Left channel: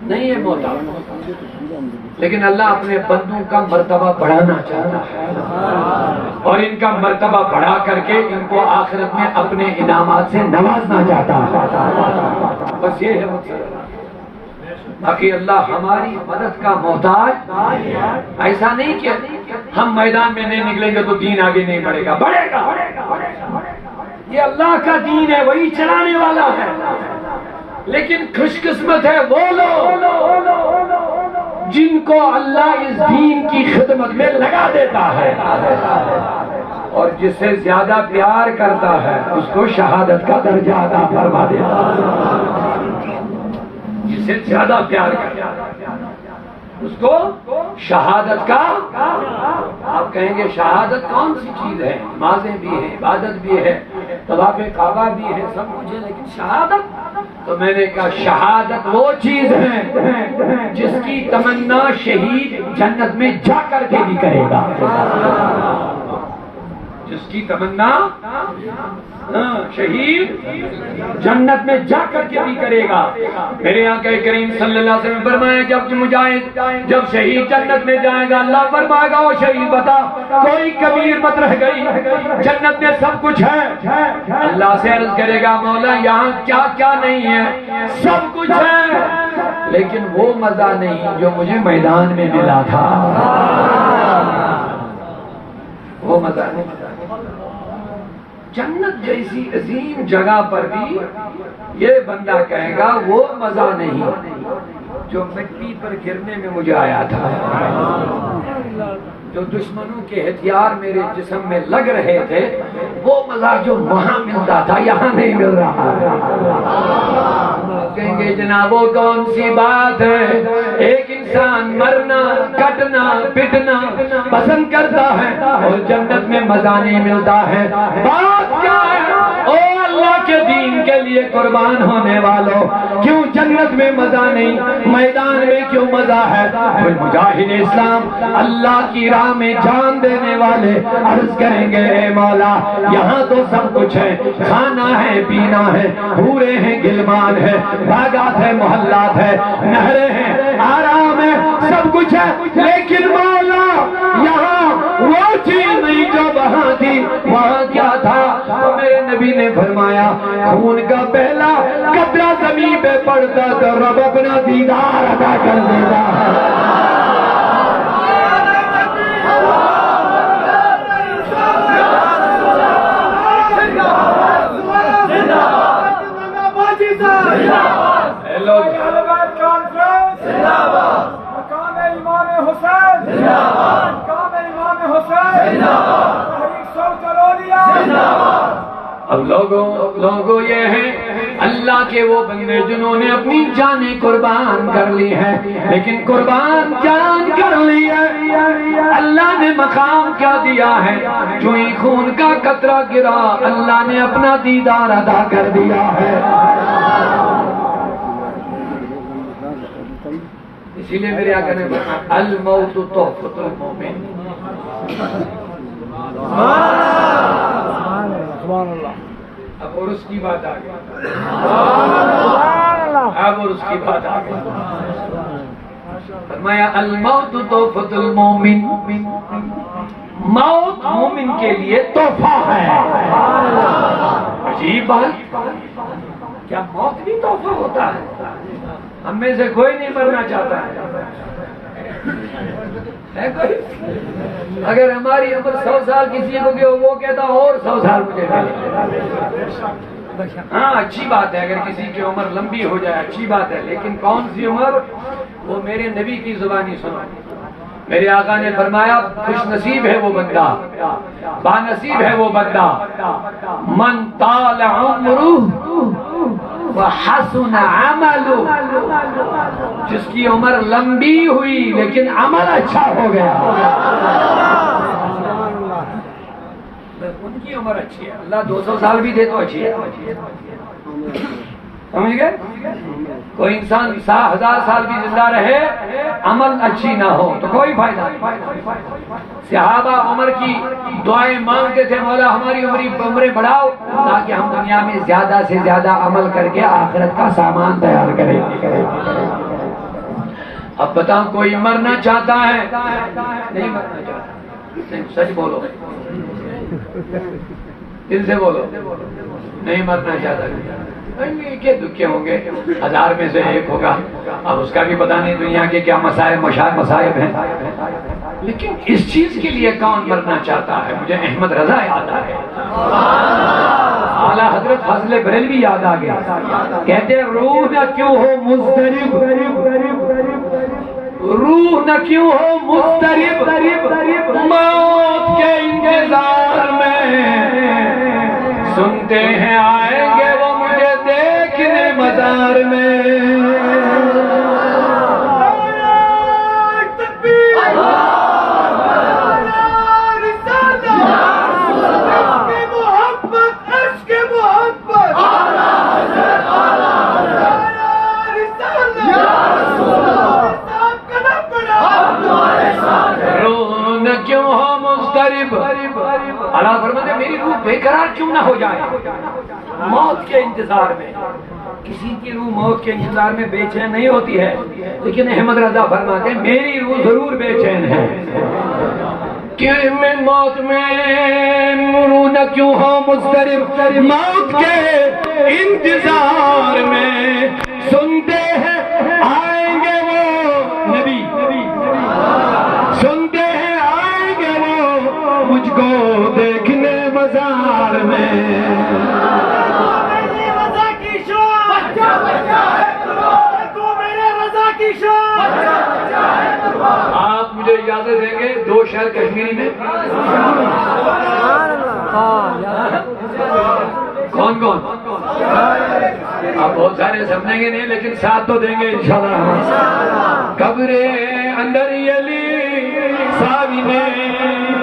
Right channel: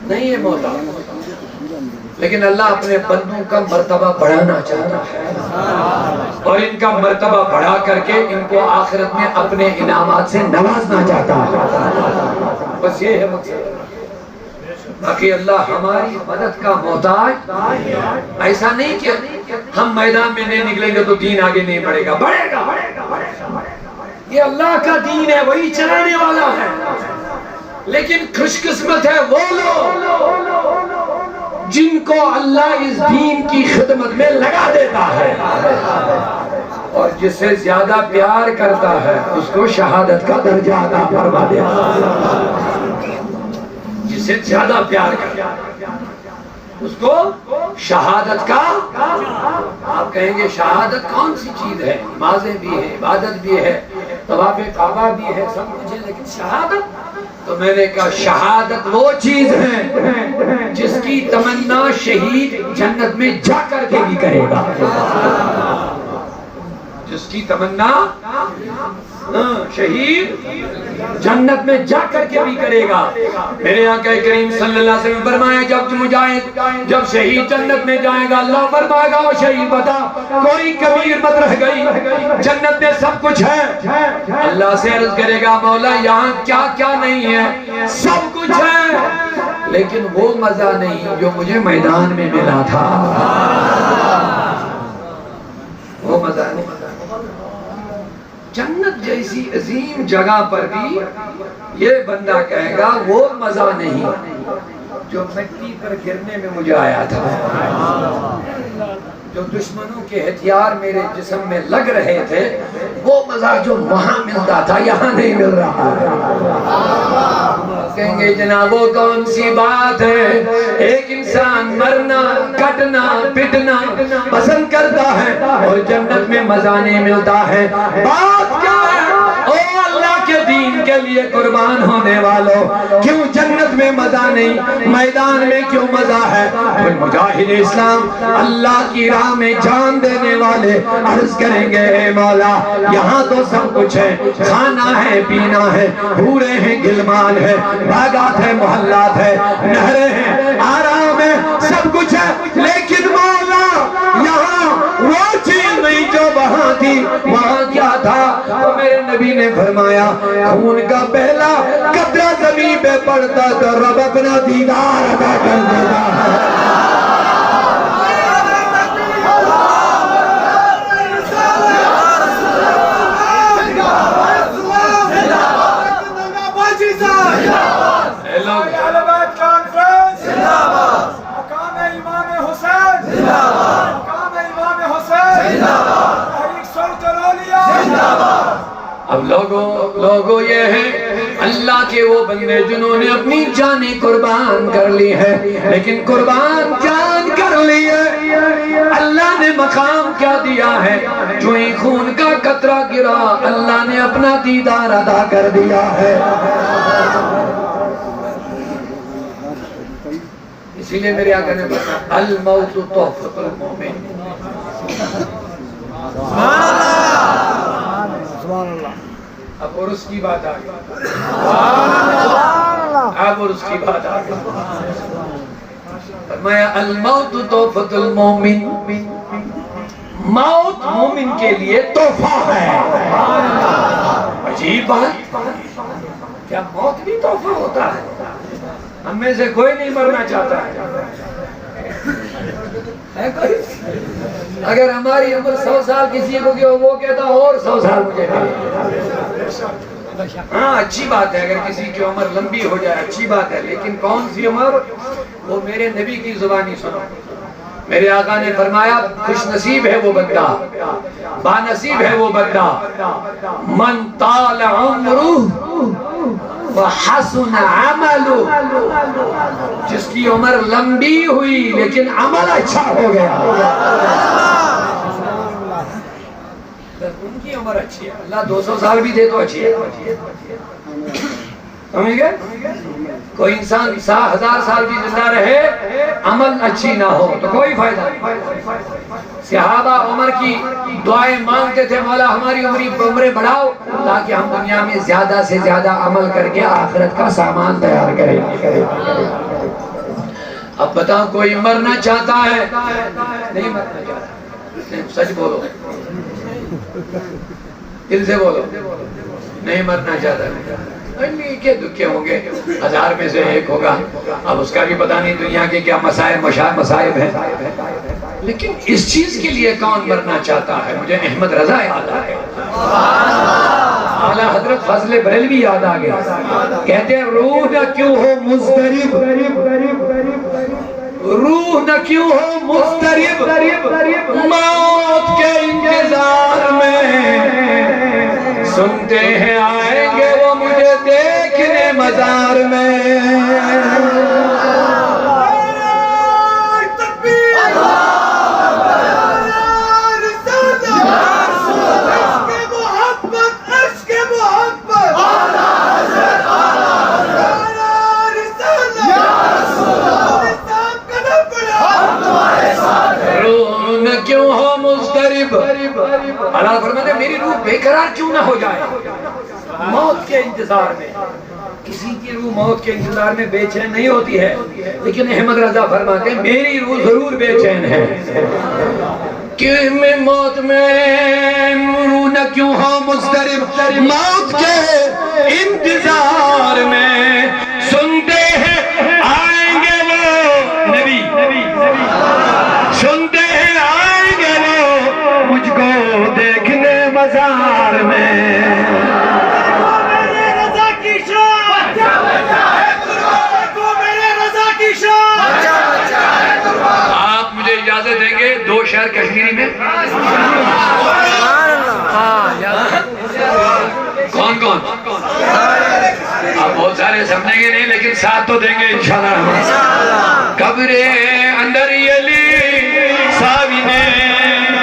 نہیں ہے محتاج، لیکن اللہ اپنے بندوں کا مرتبہ بڑھانا چاہتا ہے اور ان کا مرتبہ بڑھا کر کے ان کو آخرت میں اپنے انعامات سے نوازنا چاہتا ہے، بس یہ ہے مقصد۔ باقی اللہ ہماری مدد کا محتاج، ایسا نہیں کہ ہم میدان میں نہیں نکلیں گے تو دین آگے نہیں بڑھے گا، بڑھے گا۔ یہ اللہ کا دین ہے، وہی چلانے والا ہے، لیکن خوش قسمت ہے وہ لوگ جن کو اللہ اس دین کی خدمت میں لگا دیتا ہے، اور جس سے زیادہ پیار کرتا ہے اس کو شہادت کا درجہ عطا فرما دیتا ہے۔ جس سے زیادہ پیار کرتا ہے اس کو شہادت کا، آپ کہیں گے شہادت کون سی چیز ہے؟ نمازیں بھی ہے، عبادت بھی ہے، طواف کعبہ بھی ہے، سب کچھ ہے، لیکن شہادت؟ تو میں نے کہا شہادت وہ چیز ہے جس کی تمنا شہید جنت میں جا کر کے بھی کرے گا، جس کی تمنا شہید جنت میں جا کر کے بھی کرے گا۔ میرے آقا کریم صلی اللہ علیہ وسلم فرمایا جب مجاہد، جب شہید جنت میں جائے گا اللہ فرمائے گا وہ شہید بتا کوئی کبیر مت رہ گئی، جنت میں سب کچھ ہے۔ اللہ سے عرض کرے گا مولا یہاں کیا کیا نہیں ہے؟ سب کچھ ہے، لیکن وہ مزہ نہیں جو مجھے میدان میں ملا تھا، وہ مزہ نہیں۔ جنت جیسی عظیم جگہ پر بھی یہ بندہ کہے گا وہ مزہ نہیں جو مٹی پر گرنے میں مجھے آیا تھا، جو دشمنوں کے ہتھیار میرے جسم میں لگ رہے تھے، وہ مزہ جو وہاں ملتا تھا یہاں نہیں مل رہا ہے۔ کہیں گے جناب وہ کون سی بات ہے؟ ایک انسان مرنا، کٹنا، پٹنا پسند کرتا ہے اور جنت میں مزہ نہیں ملتا ہے، بات کیا ہے؟ او اللہ کے دین کے لیے قربان ہونے والوں، کیوں جنت میں مزہ نہیں، میدان میں کیوں مزہ ہے؟ پھر مجاہد اسلام اللہ کی راہ میں جان دینے والے عرض کریں گے اے مولا یہاں تو سب کچھ ہے، کھانا ہے، پینا ہے، حوریں ہیں، گلمان ہے، باغات ہے، محلات ہے، نہریں ہیں، آرام ہے، سب کچھ ہے، لیکن مولا یہاں وہ چیز نہیں جو وہاں تھی۔ وہاں کیا تھا؟ تو میرے نبی نے فرمایا خون کا پہلا قطرہ زمین پہ پڑتا تو رب اپنا دیدار عطا کر دیتا ہے۔ اب لوگوں یہ ہیں اللہ کے وہ بندے جنہوں نے اپنی جانیں قربان کر لی ہے، لیکن قربان جان کر لی ہے، اللہ نے مقام کیا دیا ہے؟ جو ہی خون کا قطرہ گرا اللہ نے اپنا دیدار عطا کر دیا ہے۔ اسی لیے میرے آقا نے بتایا الموت تحفۃ المومن۔ سبحان اللہ۔ اب عرس کی بات آ گئی، اب عرس کی بات آ گئی۔ فرمایا الموت تحفۃ المومن، موت مومن کے لیے تحفہ ہے۔ عجیب بات، کیا موت بھی تحفہ ہوتا ہے؟ ہم میں سے کوئی نہیں مرنا چاہتا ہے کوئی؟ اگر ہماری عمر 100 سال کسی کو کہ وہ کہتا اور 100 سال مجھے ملے، ہاں اچھی بات ہے، اگر کسی کی عمر لمبی ہو جائے اچھی بات ہے، لیکن کون سی عمر؟ وہ میرے نبی کی زبانی سنو۔ میرے آقا نے فرمایا خوش نصیب ہے وہ بندہ، بانصیب ہے وہ بندہ، من طال عمرہ وحسن عملہ، جس کی عمر لمبی ہوئی لیکن عمل اچھا ہو گیا۔ ان کی عمر اچھی ہے، اللہ 200 سال بھی دے تو اچھی ہے، سمجھ گئے؟ کوئی انسان 1000 سال بھی زندہ رہے عمل اچھی نہ ہو تو کوئی فائدہ نہیں۔ صحابہ عمر کی دعائیں مانگتے تھے مولا ہماری عمریں بڑھاؤ تاکہ ہم دنیا میں زیادہ سے زیادہ عمل کر کے آخرت کا سامان تیار کریں۔ اب بتاؤ کوئی مرنا چاہتا ہے؟ نہیں مرنا چاہتا. نہیں سچ بولو, دل سے بولو, نہیں مرنا چاہتا. کیا دکھے ہوں گے, 1000 میں سے ایک ہوگا. اب اس کا بھی پتہ نہیں دنیا کے کیا مصائب ہیں. لیکن اس چیز کے لیے کون مرنا چاہتا ہے؟ مجھے احمد رضا یاد آ گیا, اعلیٰ حضرت فضل بریلوی یاد آ گیا. کہتے ہیں روح نہ کیوں ہو مضطرب, روح نہ کیوں ہو مضطرب, موت کے انتظار میں, سنتے ہیں آئیں گے وہ مجھے دیکھنے مزار میں. کیوں ہو مضطرب, اللہ فرماتے ہیں میری روح بے قرار کیوں نہ ہو جائے موت کے انتظار میں. کسی کی روح موت کے انتظار میں بے چین نہیں ہوتی ہے, لیکن احمد رضا فرماتے ہیں میری روح ضرور بے چین ہے. کہ میں موت میں روح نہ کیوں ہو مضطرب, موت کے انتظار میں, سنتے ہیں آئیں گے وہ نبی, سنتے ہیں آئیں گے وہ مجھ کو دیکھنے مزار میں. میرے رضا کی شان, میرے رضا کی شان. آپ مجھے اجازت دیں گے 2 شعر کشمیری میں؟ کون کون؟ آپ بہت سارے سمجھیں گے نہیں, لیکن ساتھ تو دیں گے انشاءاللہ. قبر اندر یلی ساوینے,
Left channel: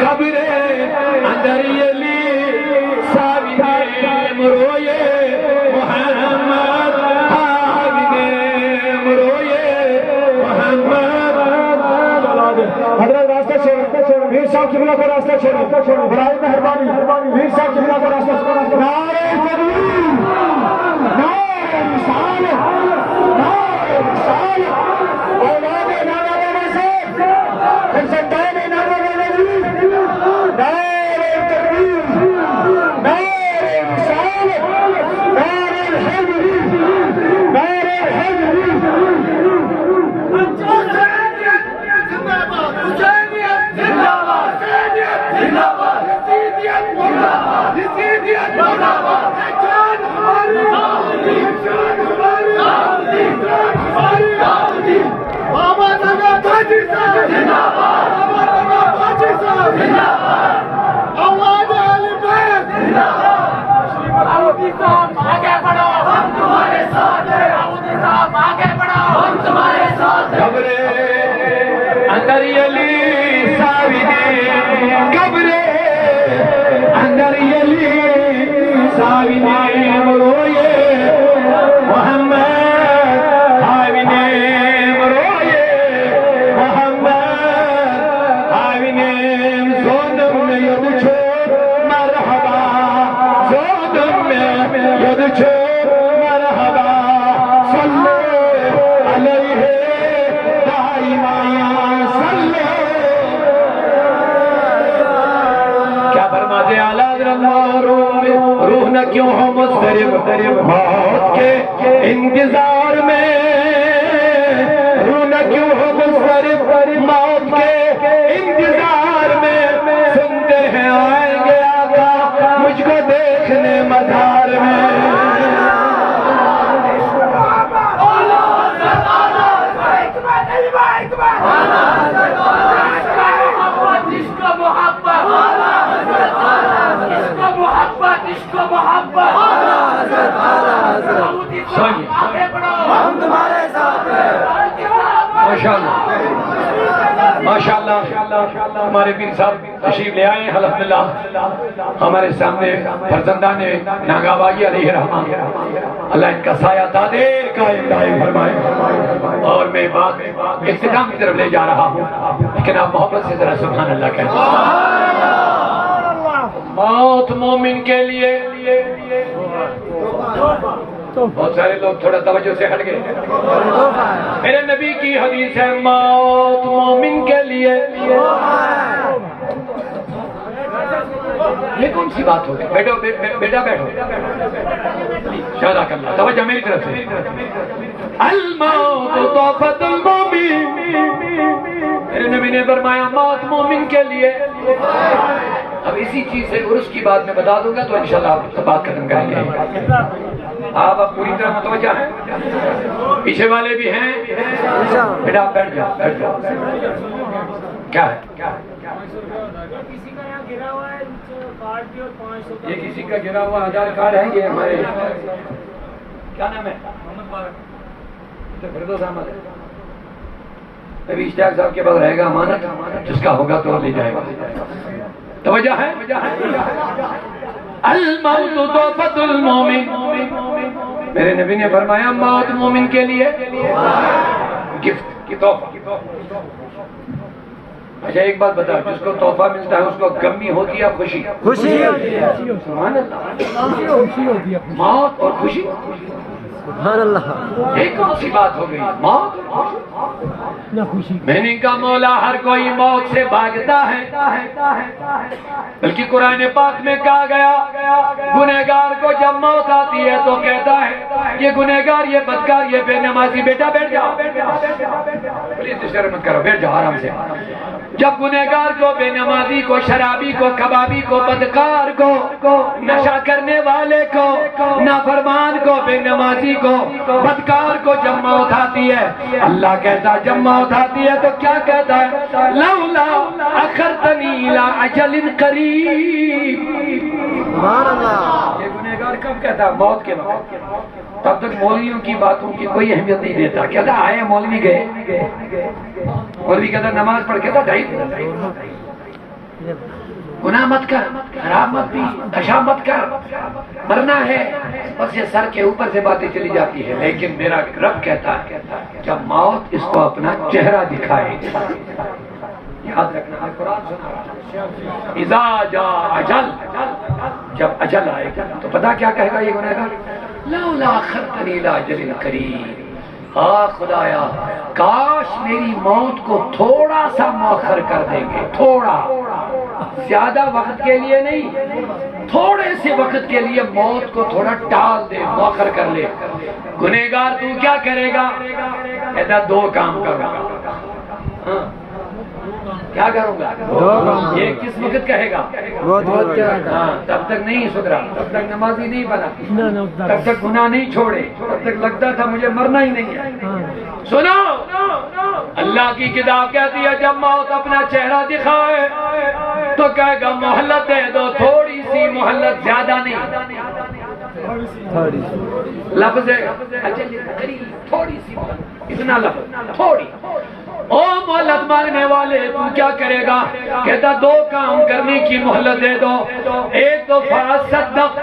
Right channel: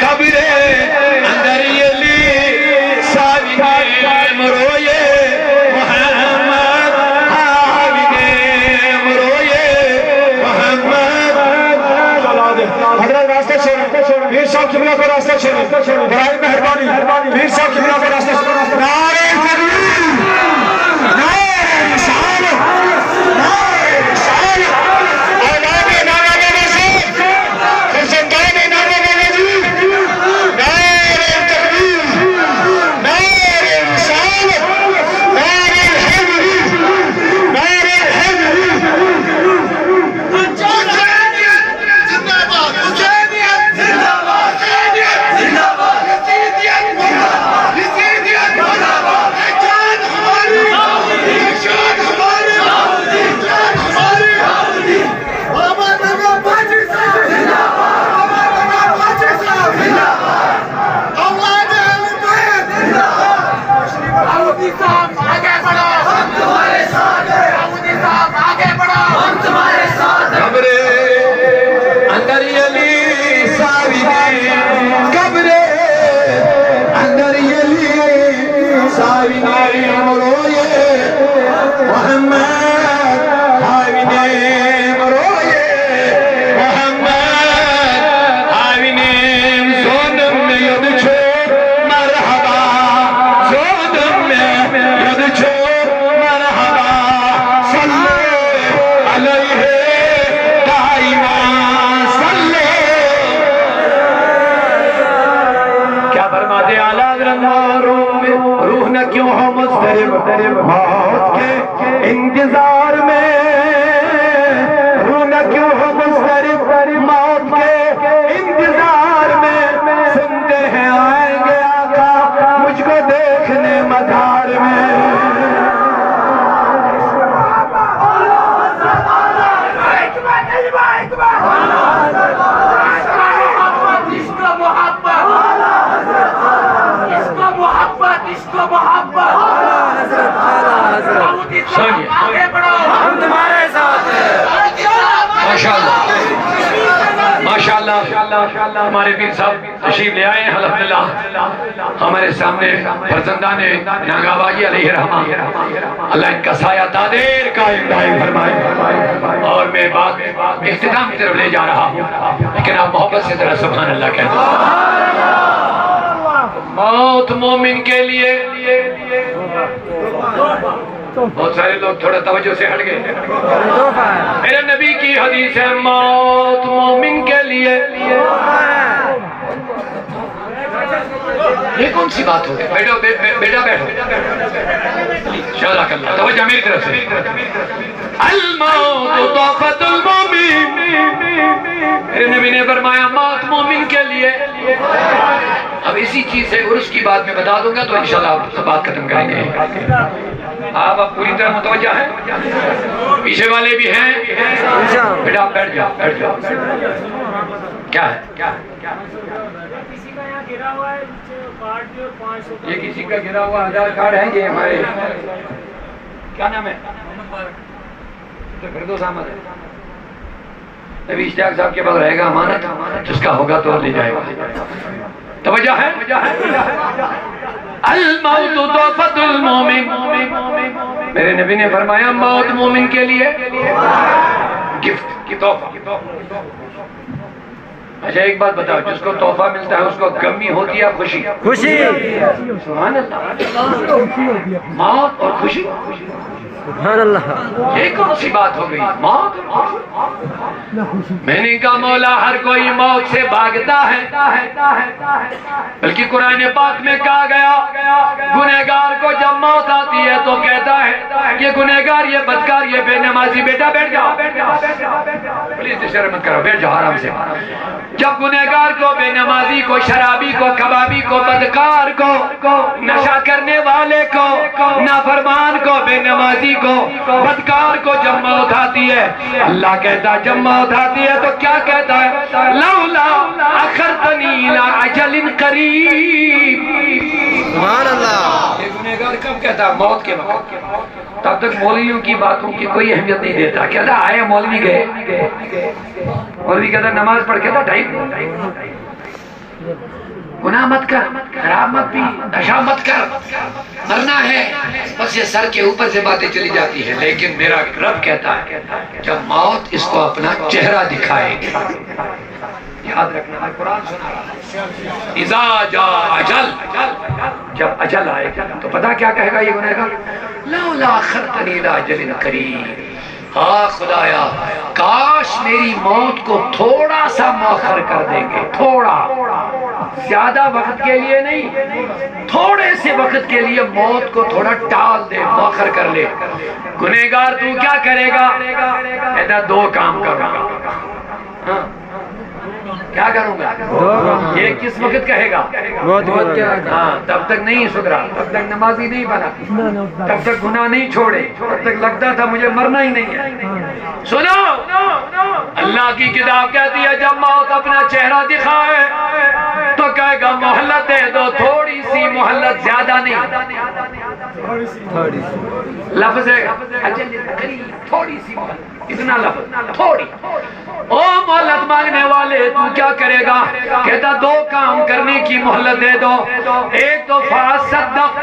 قبر اندر یلی ساوینے, مروئے محمد آوینے, مروئے محمد. حضرت راستہ چھوڑیں, میر صاحب قبلہ کو راستہ چھوڑیں, برائے مہربانی میر صاحب قبلہ کو راستہ چھوڑیں. نعرہ تکبیر, نعرہ رسالت, نعرہ رسالت, اولاد نانا بابا صاحب, فرزندان نانا بابا جی, نعرہ تکبیر, نعرہ رسالت, نعرہ حیدری, نعرہ حیدری. روح نہ کیوں ہو مضطرب موت کے انتظار میں, روح نہ کیوں ہو مضطرب موت کے انتظار میں, سنتے ہیں آئیں گے آقا مجھ کو دیکھنے مزار میں. ماشاءاللہ ہمارے پیر صاحب تشریف لے آئے ہیں الحمدللہ. ہمارے سامنے فرزندان ناگا باجی علیہ الرحمہ, اللہ ان کا سایہ دادیر قائم دائم فرمائے. اور میں بات اختتام کی طرف لے جا رہا ہوں, لیکن آپ محبت سے ذرا سبحان اللہ کہتے ہیں. موت مومن کے لیے, بہت سارے لوگ تھوڑا توجہ سے ہٹ گئے. میرے نبی کی حدیث ہے موت مومن کے لیے یہ کون سی بات ہو گئی؟ بیٹا بیٹھو شہداء اللہ توجہ میری طرف سے الموت تحفۃ المومن میرے نبی نے فرمایا موت مومن کے لیے اب اسی چیز سے عرس کی بات میں بتا دوں گا تو انشاءاللہ آپ بات ختم کریں گے آپ اب پوری طرح متوجہ ہیں پیچھے والے بھی ہیں بیٹا بیٹھ جاؤ کیا ہے یہ کسی کا گرا ہوا آدھار کارڈ ہے یہ ہمارے کیا نام ہے فردوس احمد ہے نبی اشتیاق صاحب کے پاس رہے گا امانت جس کا ہوگا تو لے جائے گا توجہ ہے الموت تحفۃ المومن میرے نبی نے فرمایا موت مومن کے لیے گفٹ کی تحفہ اچھا ایک بات بتاؤ جس کو تحفہ ملتا ہے اس کو غمی ہوتی ہے خوشی سبحان اللہ موت اور خوشی سبحان اللہ یہ کون سی بات ہو گئی موت میں نے کہا مولا ہر کوئی موت سے بھاگتا ہے بلکہ قرآن پاک میں کہا گیا گنہگار کو جب موت آتی ہے تو کہتا ہے یہ گنہگار یہ بدکار یہ بے نمازی بیٹا بیٹھ جاؤ پلیز شرم مت کرو بیٹھ جاؤ آرام سے جب گنہگار کو بے نمازی کو شرابی کو کبابی کو بدکار کو نشہ کرنے والے کو نافرمان کو بے نمازی کو بدکار کو جب موت آتی ہے اللہ کہتا جب موت آتی ہے تو کیا کہتا ہے لولا اخرتنی الی اجل قریب سبحان اللہ یہ گنہگار کب کہتا ہے موت کے وقت تب تک مولویوں کی باتوں کی کوئی اہمیت نہیں دیتا کہتا آئے مولوی گئے مولوی کہتا نماز پڑھ کہتا ڈھائی گناہ مت کر خراب مت پی نشہ مت کر مرنا ہے بس یہ سر کے اوپر سے باتیں چلی جاتی ہے لیکن میرا رب کہتا ہے جب موت اس کو اپنا چہرہ دکھائے گی یاد رکھنا میں قرآن سنا رہا اذا جاء اجل جب اجل آئے گا تو پتہ کیا کہے گا یہ گنہگار لولا اخرتنی الی اجل قریب ہاں خدایا کاش میری موت کو تھوڑا سا مؤخر کر دیں گے تھوڑا زیادہ وقت کے لیے نہیں تھوڑے سے وقت کے لیے موت کو تھوڑا ٹال دے مؤخر کر لے گنہگار تو کیا کرے گا کہتا دو کام کروں گا کیا کروں گا یہ کس وقت کہے گا ہاں تب تک نہیں سدھرا تب تک نمازی نہیں بنا تب تک گناہ نہیں چھوڑے تب تک لگتا تھا مجھے مرنا ہی نہیں ہے سنو اللہ کی کتاب کہتی ہے جب موت اپنا چہرہ دکھائے تو کہے گا مہلت دے دو تھوڑی سی مہلت زیادہ نہیں لفظ تھوڑی سی اتنا لفظ تھوڑی او مہلت مانگنے والے تو کیا کرے گا کہتا دو کام کرنے کی مہلت دے دو ایک تو فاصدق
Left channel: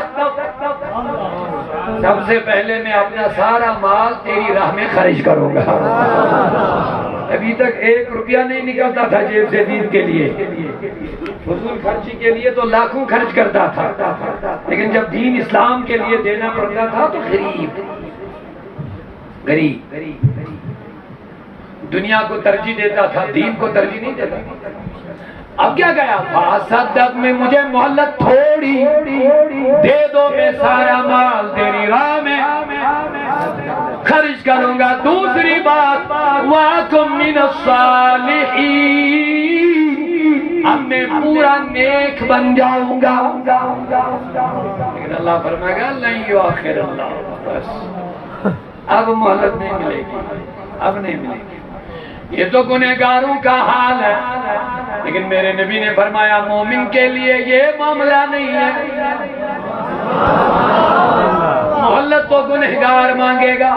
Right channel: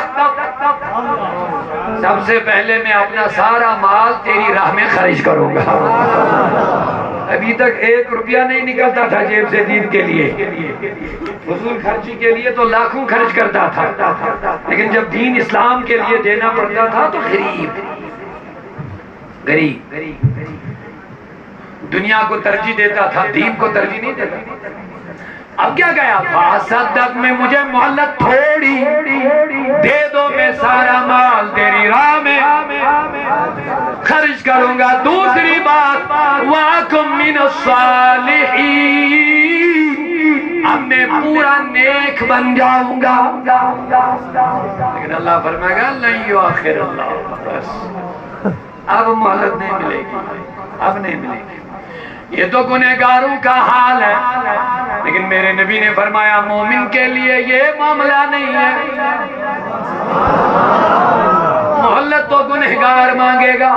سب سے پہلے میں اپنا سارا مال تیری راہ میں خرچ کروں گا ابھی تک 1 روپیہ نہیں نکلتا تھا جیب سے دین کے لیے فضول خرچی کے لیے تو لاکھوں خرچ کرتا تھا لیکن جب دین اسلام کے لیے دینا پڑتا تھا تو غریب دنیا کو ترجیح دیتا تھا دین کو ترجیح نہیں دیتا اب کیا گیا فاصدق میں مجھے مہلت تھوڑی دے دو میں سارا مال تیری راہ میں خرچ کروں گا دوسری بات وَأَكُن مِّنَ الصَّالِحِينَ اب میں پورا نیک بن جاؤں گا لیکن اللہ فرمائے گا لَن يُؤَخِّرَ اللَّهُ بس اب مہلت نہیں ملے گی اب نہیں ملے گی یہ تو گنہگاروں کا حال ہے لیکن میرے نبی نے فرمایا مومن کے لیے یہ معاملہ نہیں ہے مہلت تو گنہگار مانگے گا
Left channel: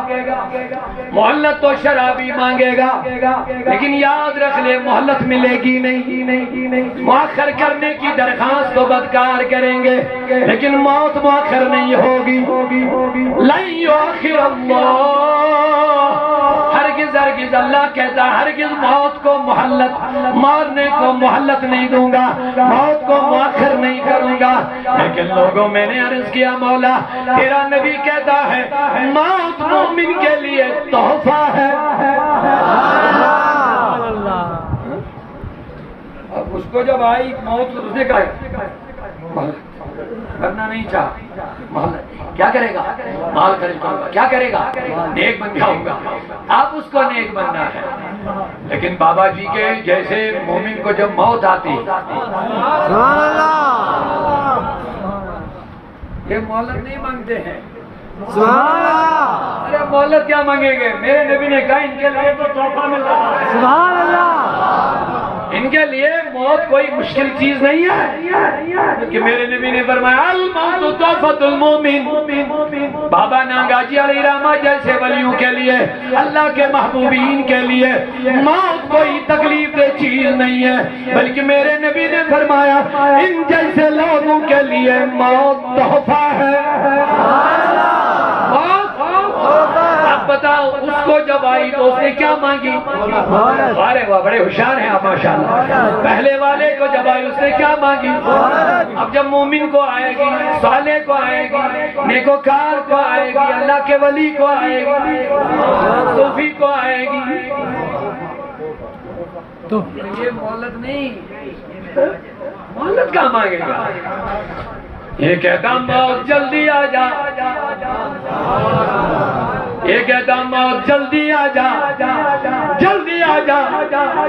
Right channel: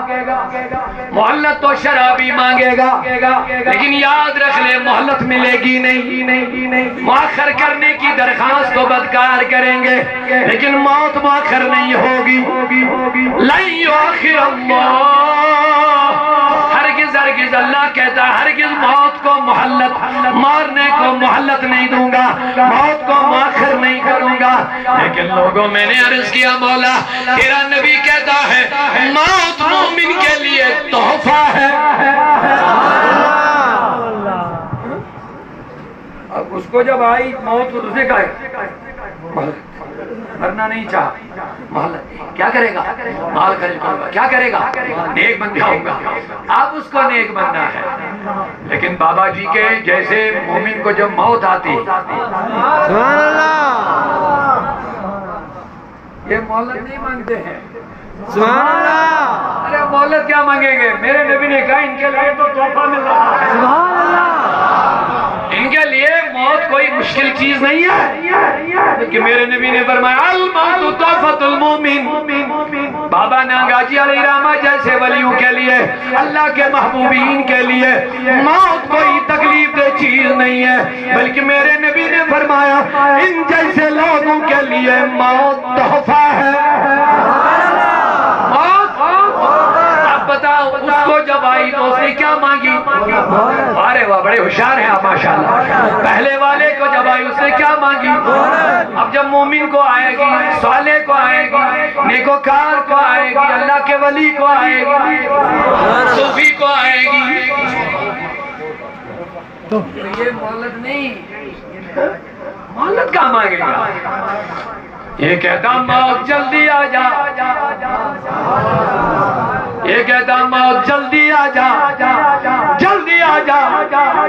مہلت تو شرابی مانگے گا لیکن یاد رکھ لے مہلت ملے گی نہیں مؤخر کرنے کی درخواست تو بدکار کریں گے لیکن موت مؤخر نہیں ہوگی لن یؤخر اللہ ہرگز اللہ کہتا ہرگز موت کو مہلت مارنے کو مہلت نہیں دوں گا موت کو مؤخر نہیں کروں گا لیکن لوگوں میں نے عرض کیا مولا تیرا نبی کہتا ہے موت مومن کے لیے تحفہ ہے کو جب آئی موت تو اس نے کہا کرنا نہیں چاہا مال کیا کرے گا، مال خرچ کروں گا، کیا کرے گا، نیک بن جاؤں گا. اب اس کو نیک بننا ہے. لیکن بابا جی کے جیسے مومن کو جب موت آتی سبحان اللہ یہ مہلت نہیں مانگتے ہیں. سبحان اللہ ارے مہلت کیا مانگیں گے؟ میرے نبی نے کہا ان کے لیے تو تحفہ مل رہا ہے. سبحان اللہ ان کے لیے موت کوئی مشکل چیز نہیں ہے کہ میرے نبی نے فرمایا الموت تحفۃ المومن. بابا نانگاجی علیہ رحمہ جیسے ولیوں کے لیے، اللہ کے محبوبین کے لیے موت کوئی تکلیف دہ چیز نہیں ہے، بلکہ میرے نبی نے فرمایا ان جیسے لوگوں کے لیے موت تحفہ ہے. اب بتاؤ اس کو جب آئی تو اس نے کیا مانگی؟ ارے واہ بڑے ہوشیار ہیں آپ ماشاءاللہ. پہلے والے کو جب آئی اس نے کیا مانگی؟ اب جب مومن کو آئے گی، صالح کو آئے گی، نیکوکار کو آئے گی، اللہ کے ولی کو آئے گی، صوفی کو آئے گی. یہ مہلت نہیں، مہلت کہاں مانگے گا؟ یہ کہتا موت جلدی آ جا، یہ کہتا موت جلدی آ جا، جلدی آ جا،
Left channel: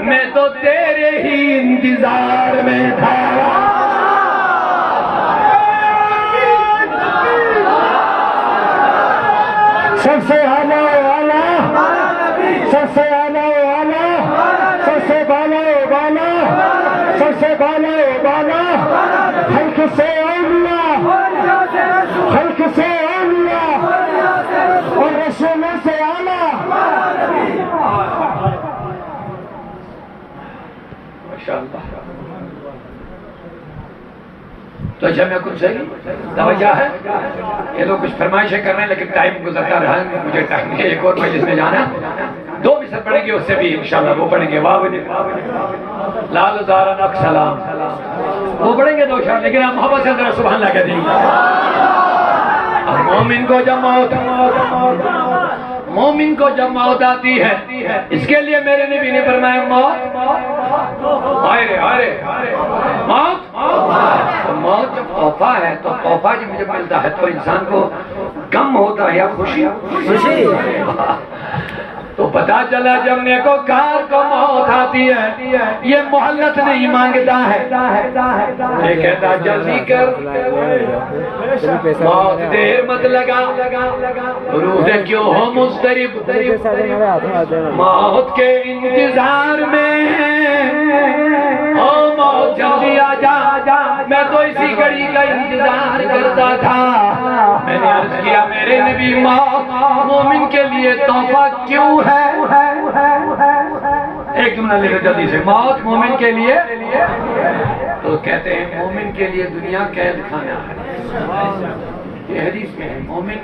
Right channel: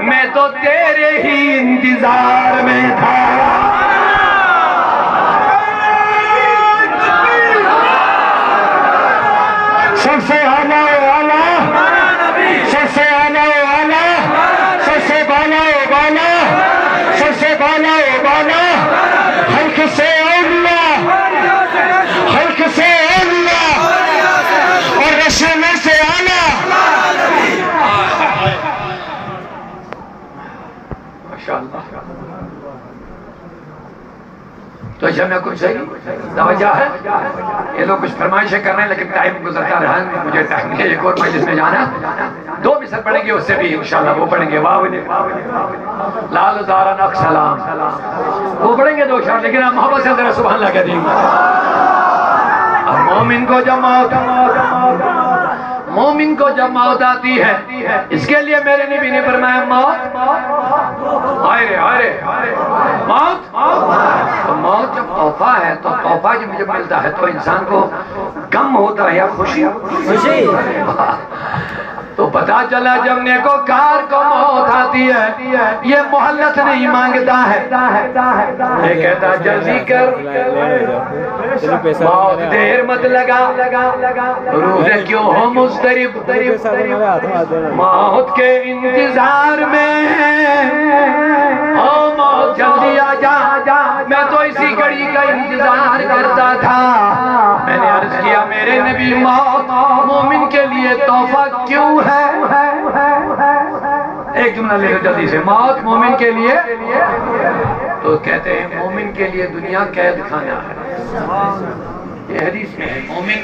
میں تو تیرے ہی انتظار میں تھا. سب سے اعلیٰ والا، سب سے اعلیٰ والا، سب سے بالا بالا، سب سے بالا بالا، حلق سے اولیاء، حلق سے اولیاء اور رسول سے اعلیٰ. ماشاءاللہ. تو اچھا میں کچھ صحیح توجہ ہے. یہ لوگ کچھ فرمائشیں کر رہے ہیں لیکن ٹائم گزرتا رہا ہے، مجھے ٹائم نہیں ہے. ایک اور مجلس میں جانا ہے، 2 مثال پڑھیں گے، اس سے بھی انشاءاللہ وہ پڑھیں گے واہ لال دارا نق سلام، وہ پڑھیں گے 2 شعر، لیکن ہم محبت سے ذرا سبحان اللہ کہہ دیں گے. مومن کو جب موت آتی ہے، اس کے لیے میرے نبی نے فرمایا موت موت جب تحفہ ہے تو تحفہ جب مجھے ملتا ہے تو انسان کو غم ہوتا ہے یا خوشی؟ تو پتا چلا جب نیکوکار کو موت آتی ہے یہ مہلت نہیں مانگتا ہے، یہ کہتا جلدی کر، موت دیر مت لگا، روح کیوں ہو مضطرب، موت کے انتظار میں، او موت جلدی آ جا، میں تو اسی گھڑی کا انتظار کرتا تھا. میں نے عرض کیا میرے نبی موت مومن کے لیے تحفہ کیوں ہے؟ ایک جملہ لے لو جلدی سے، موت مومن کے لیے، تو کہتے ہیں مومن کے لیے دنیا قید خانہ ہے. یہ حدیث میں ہے مومن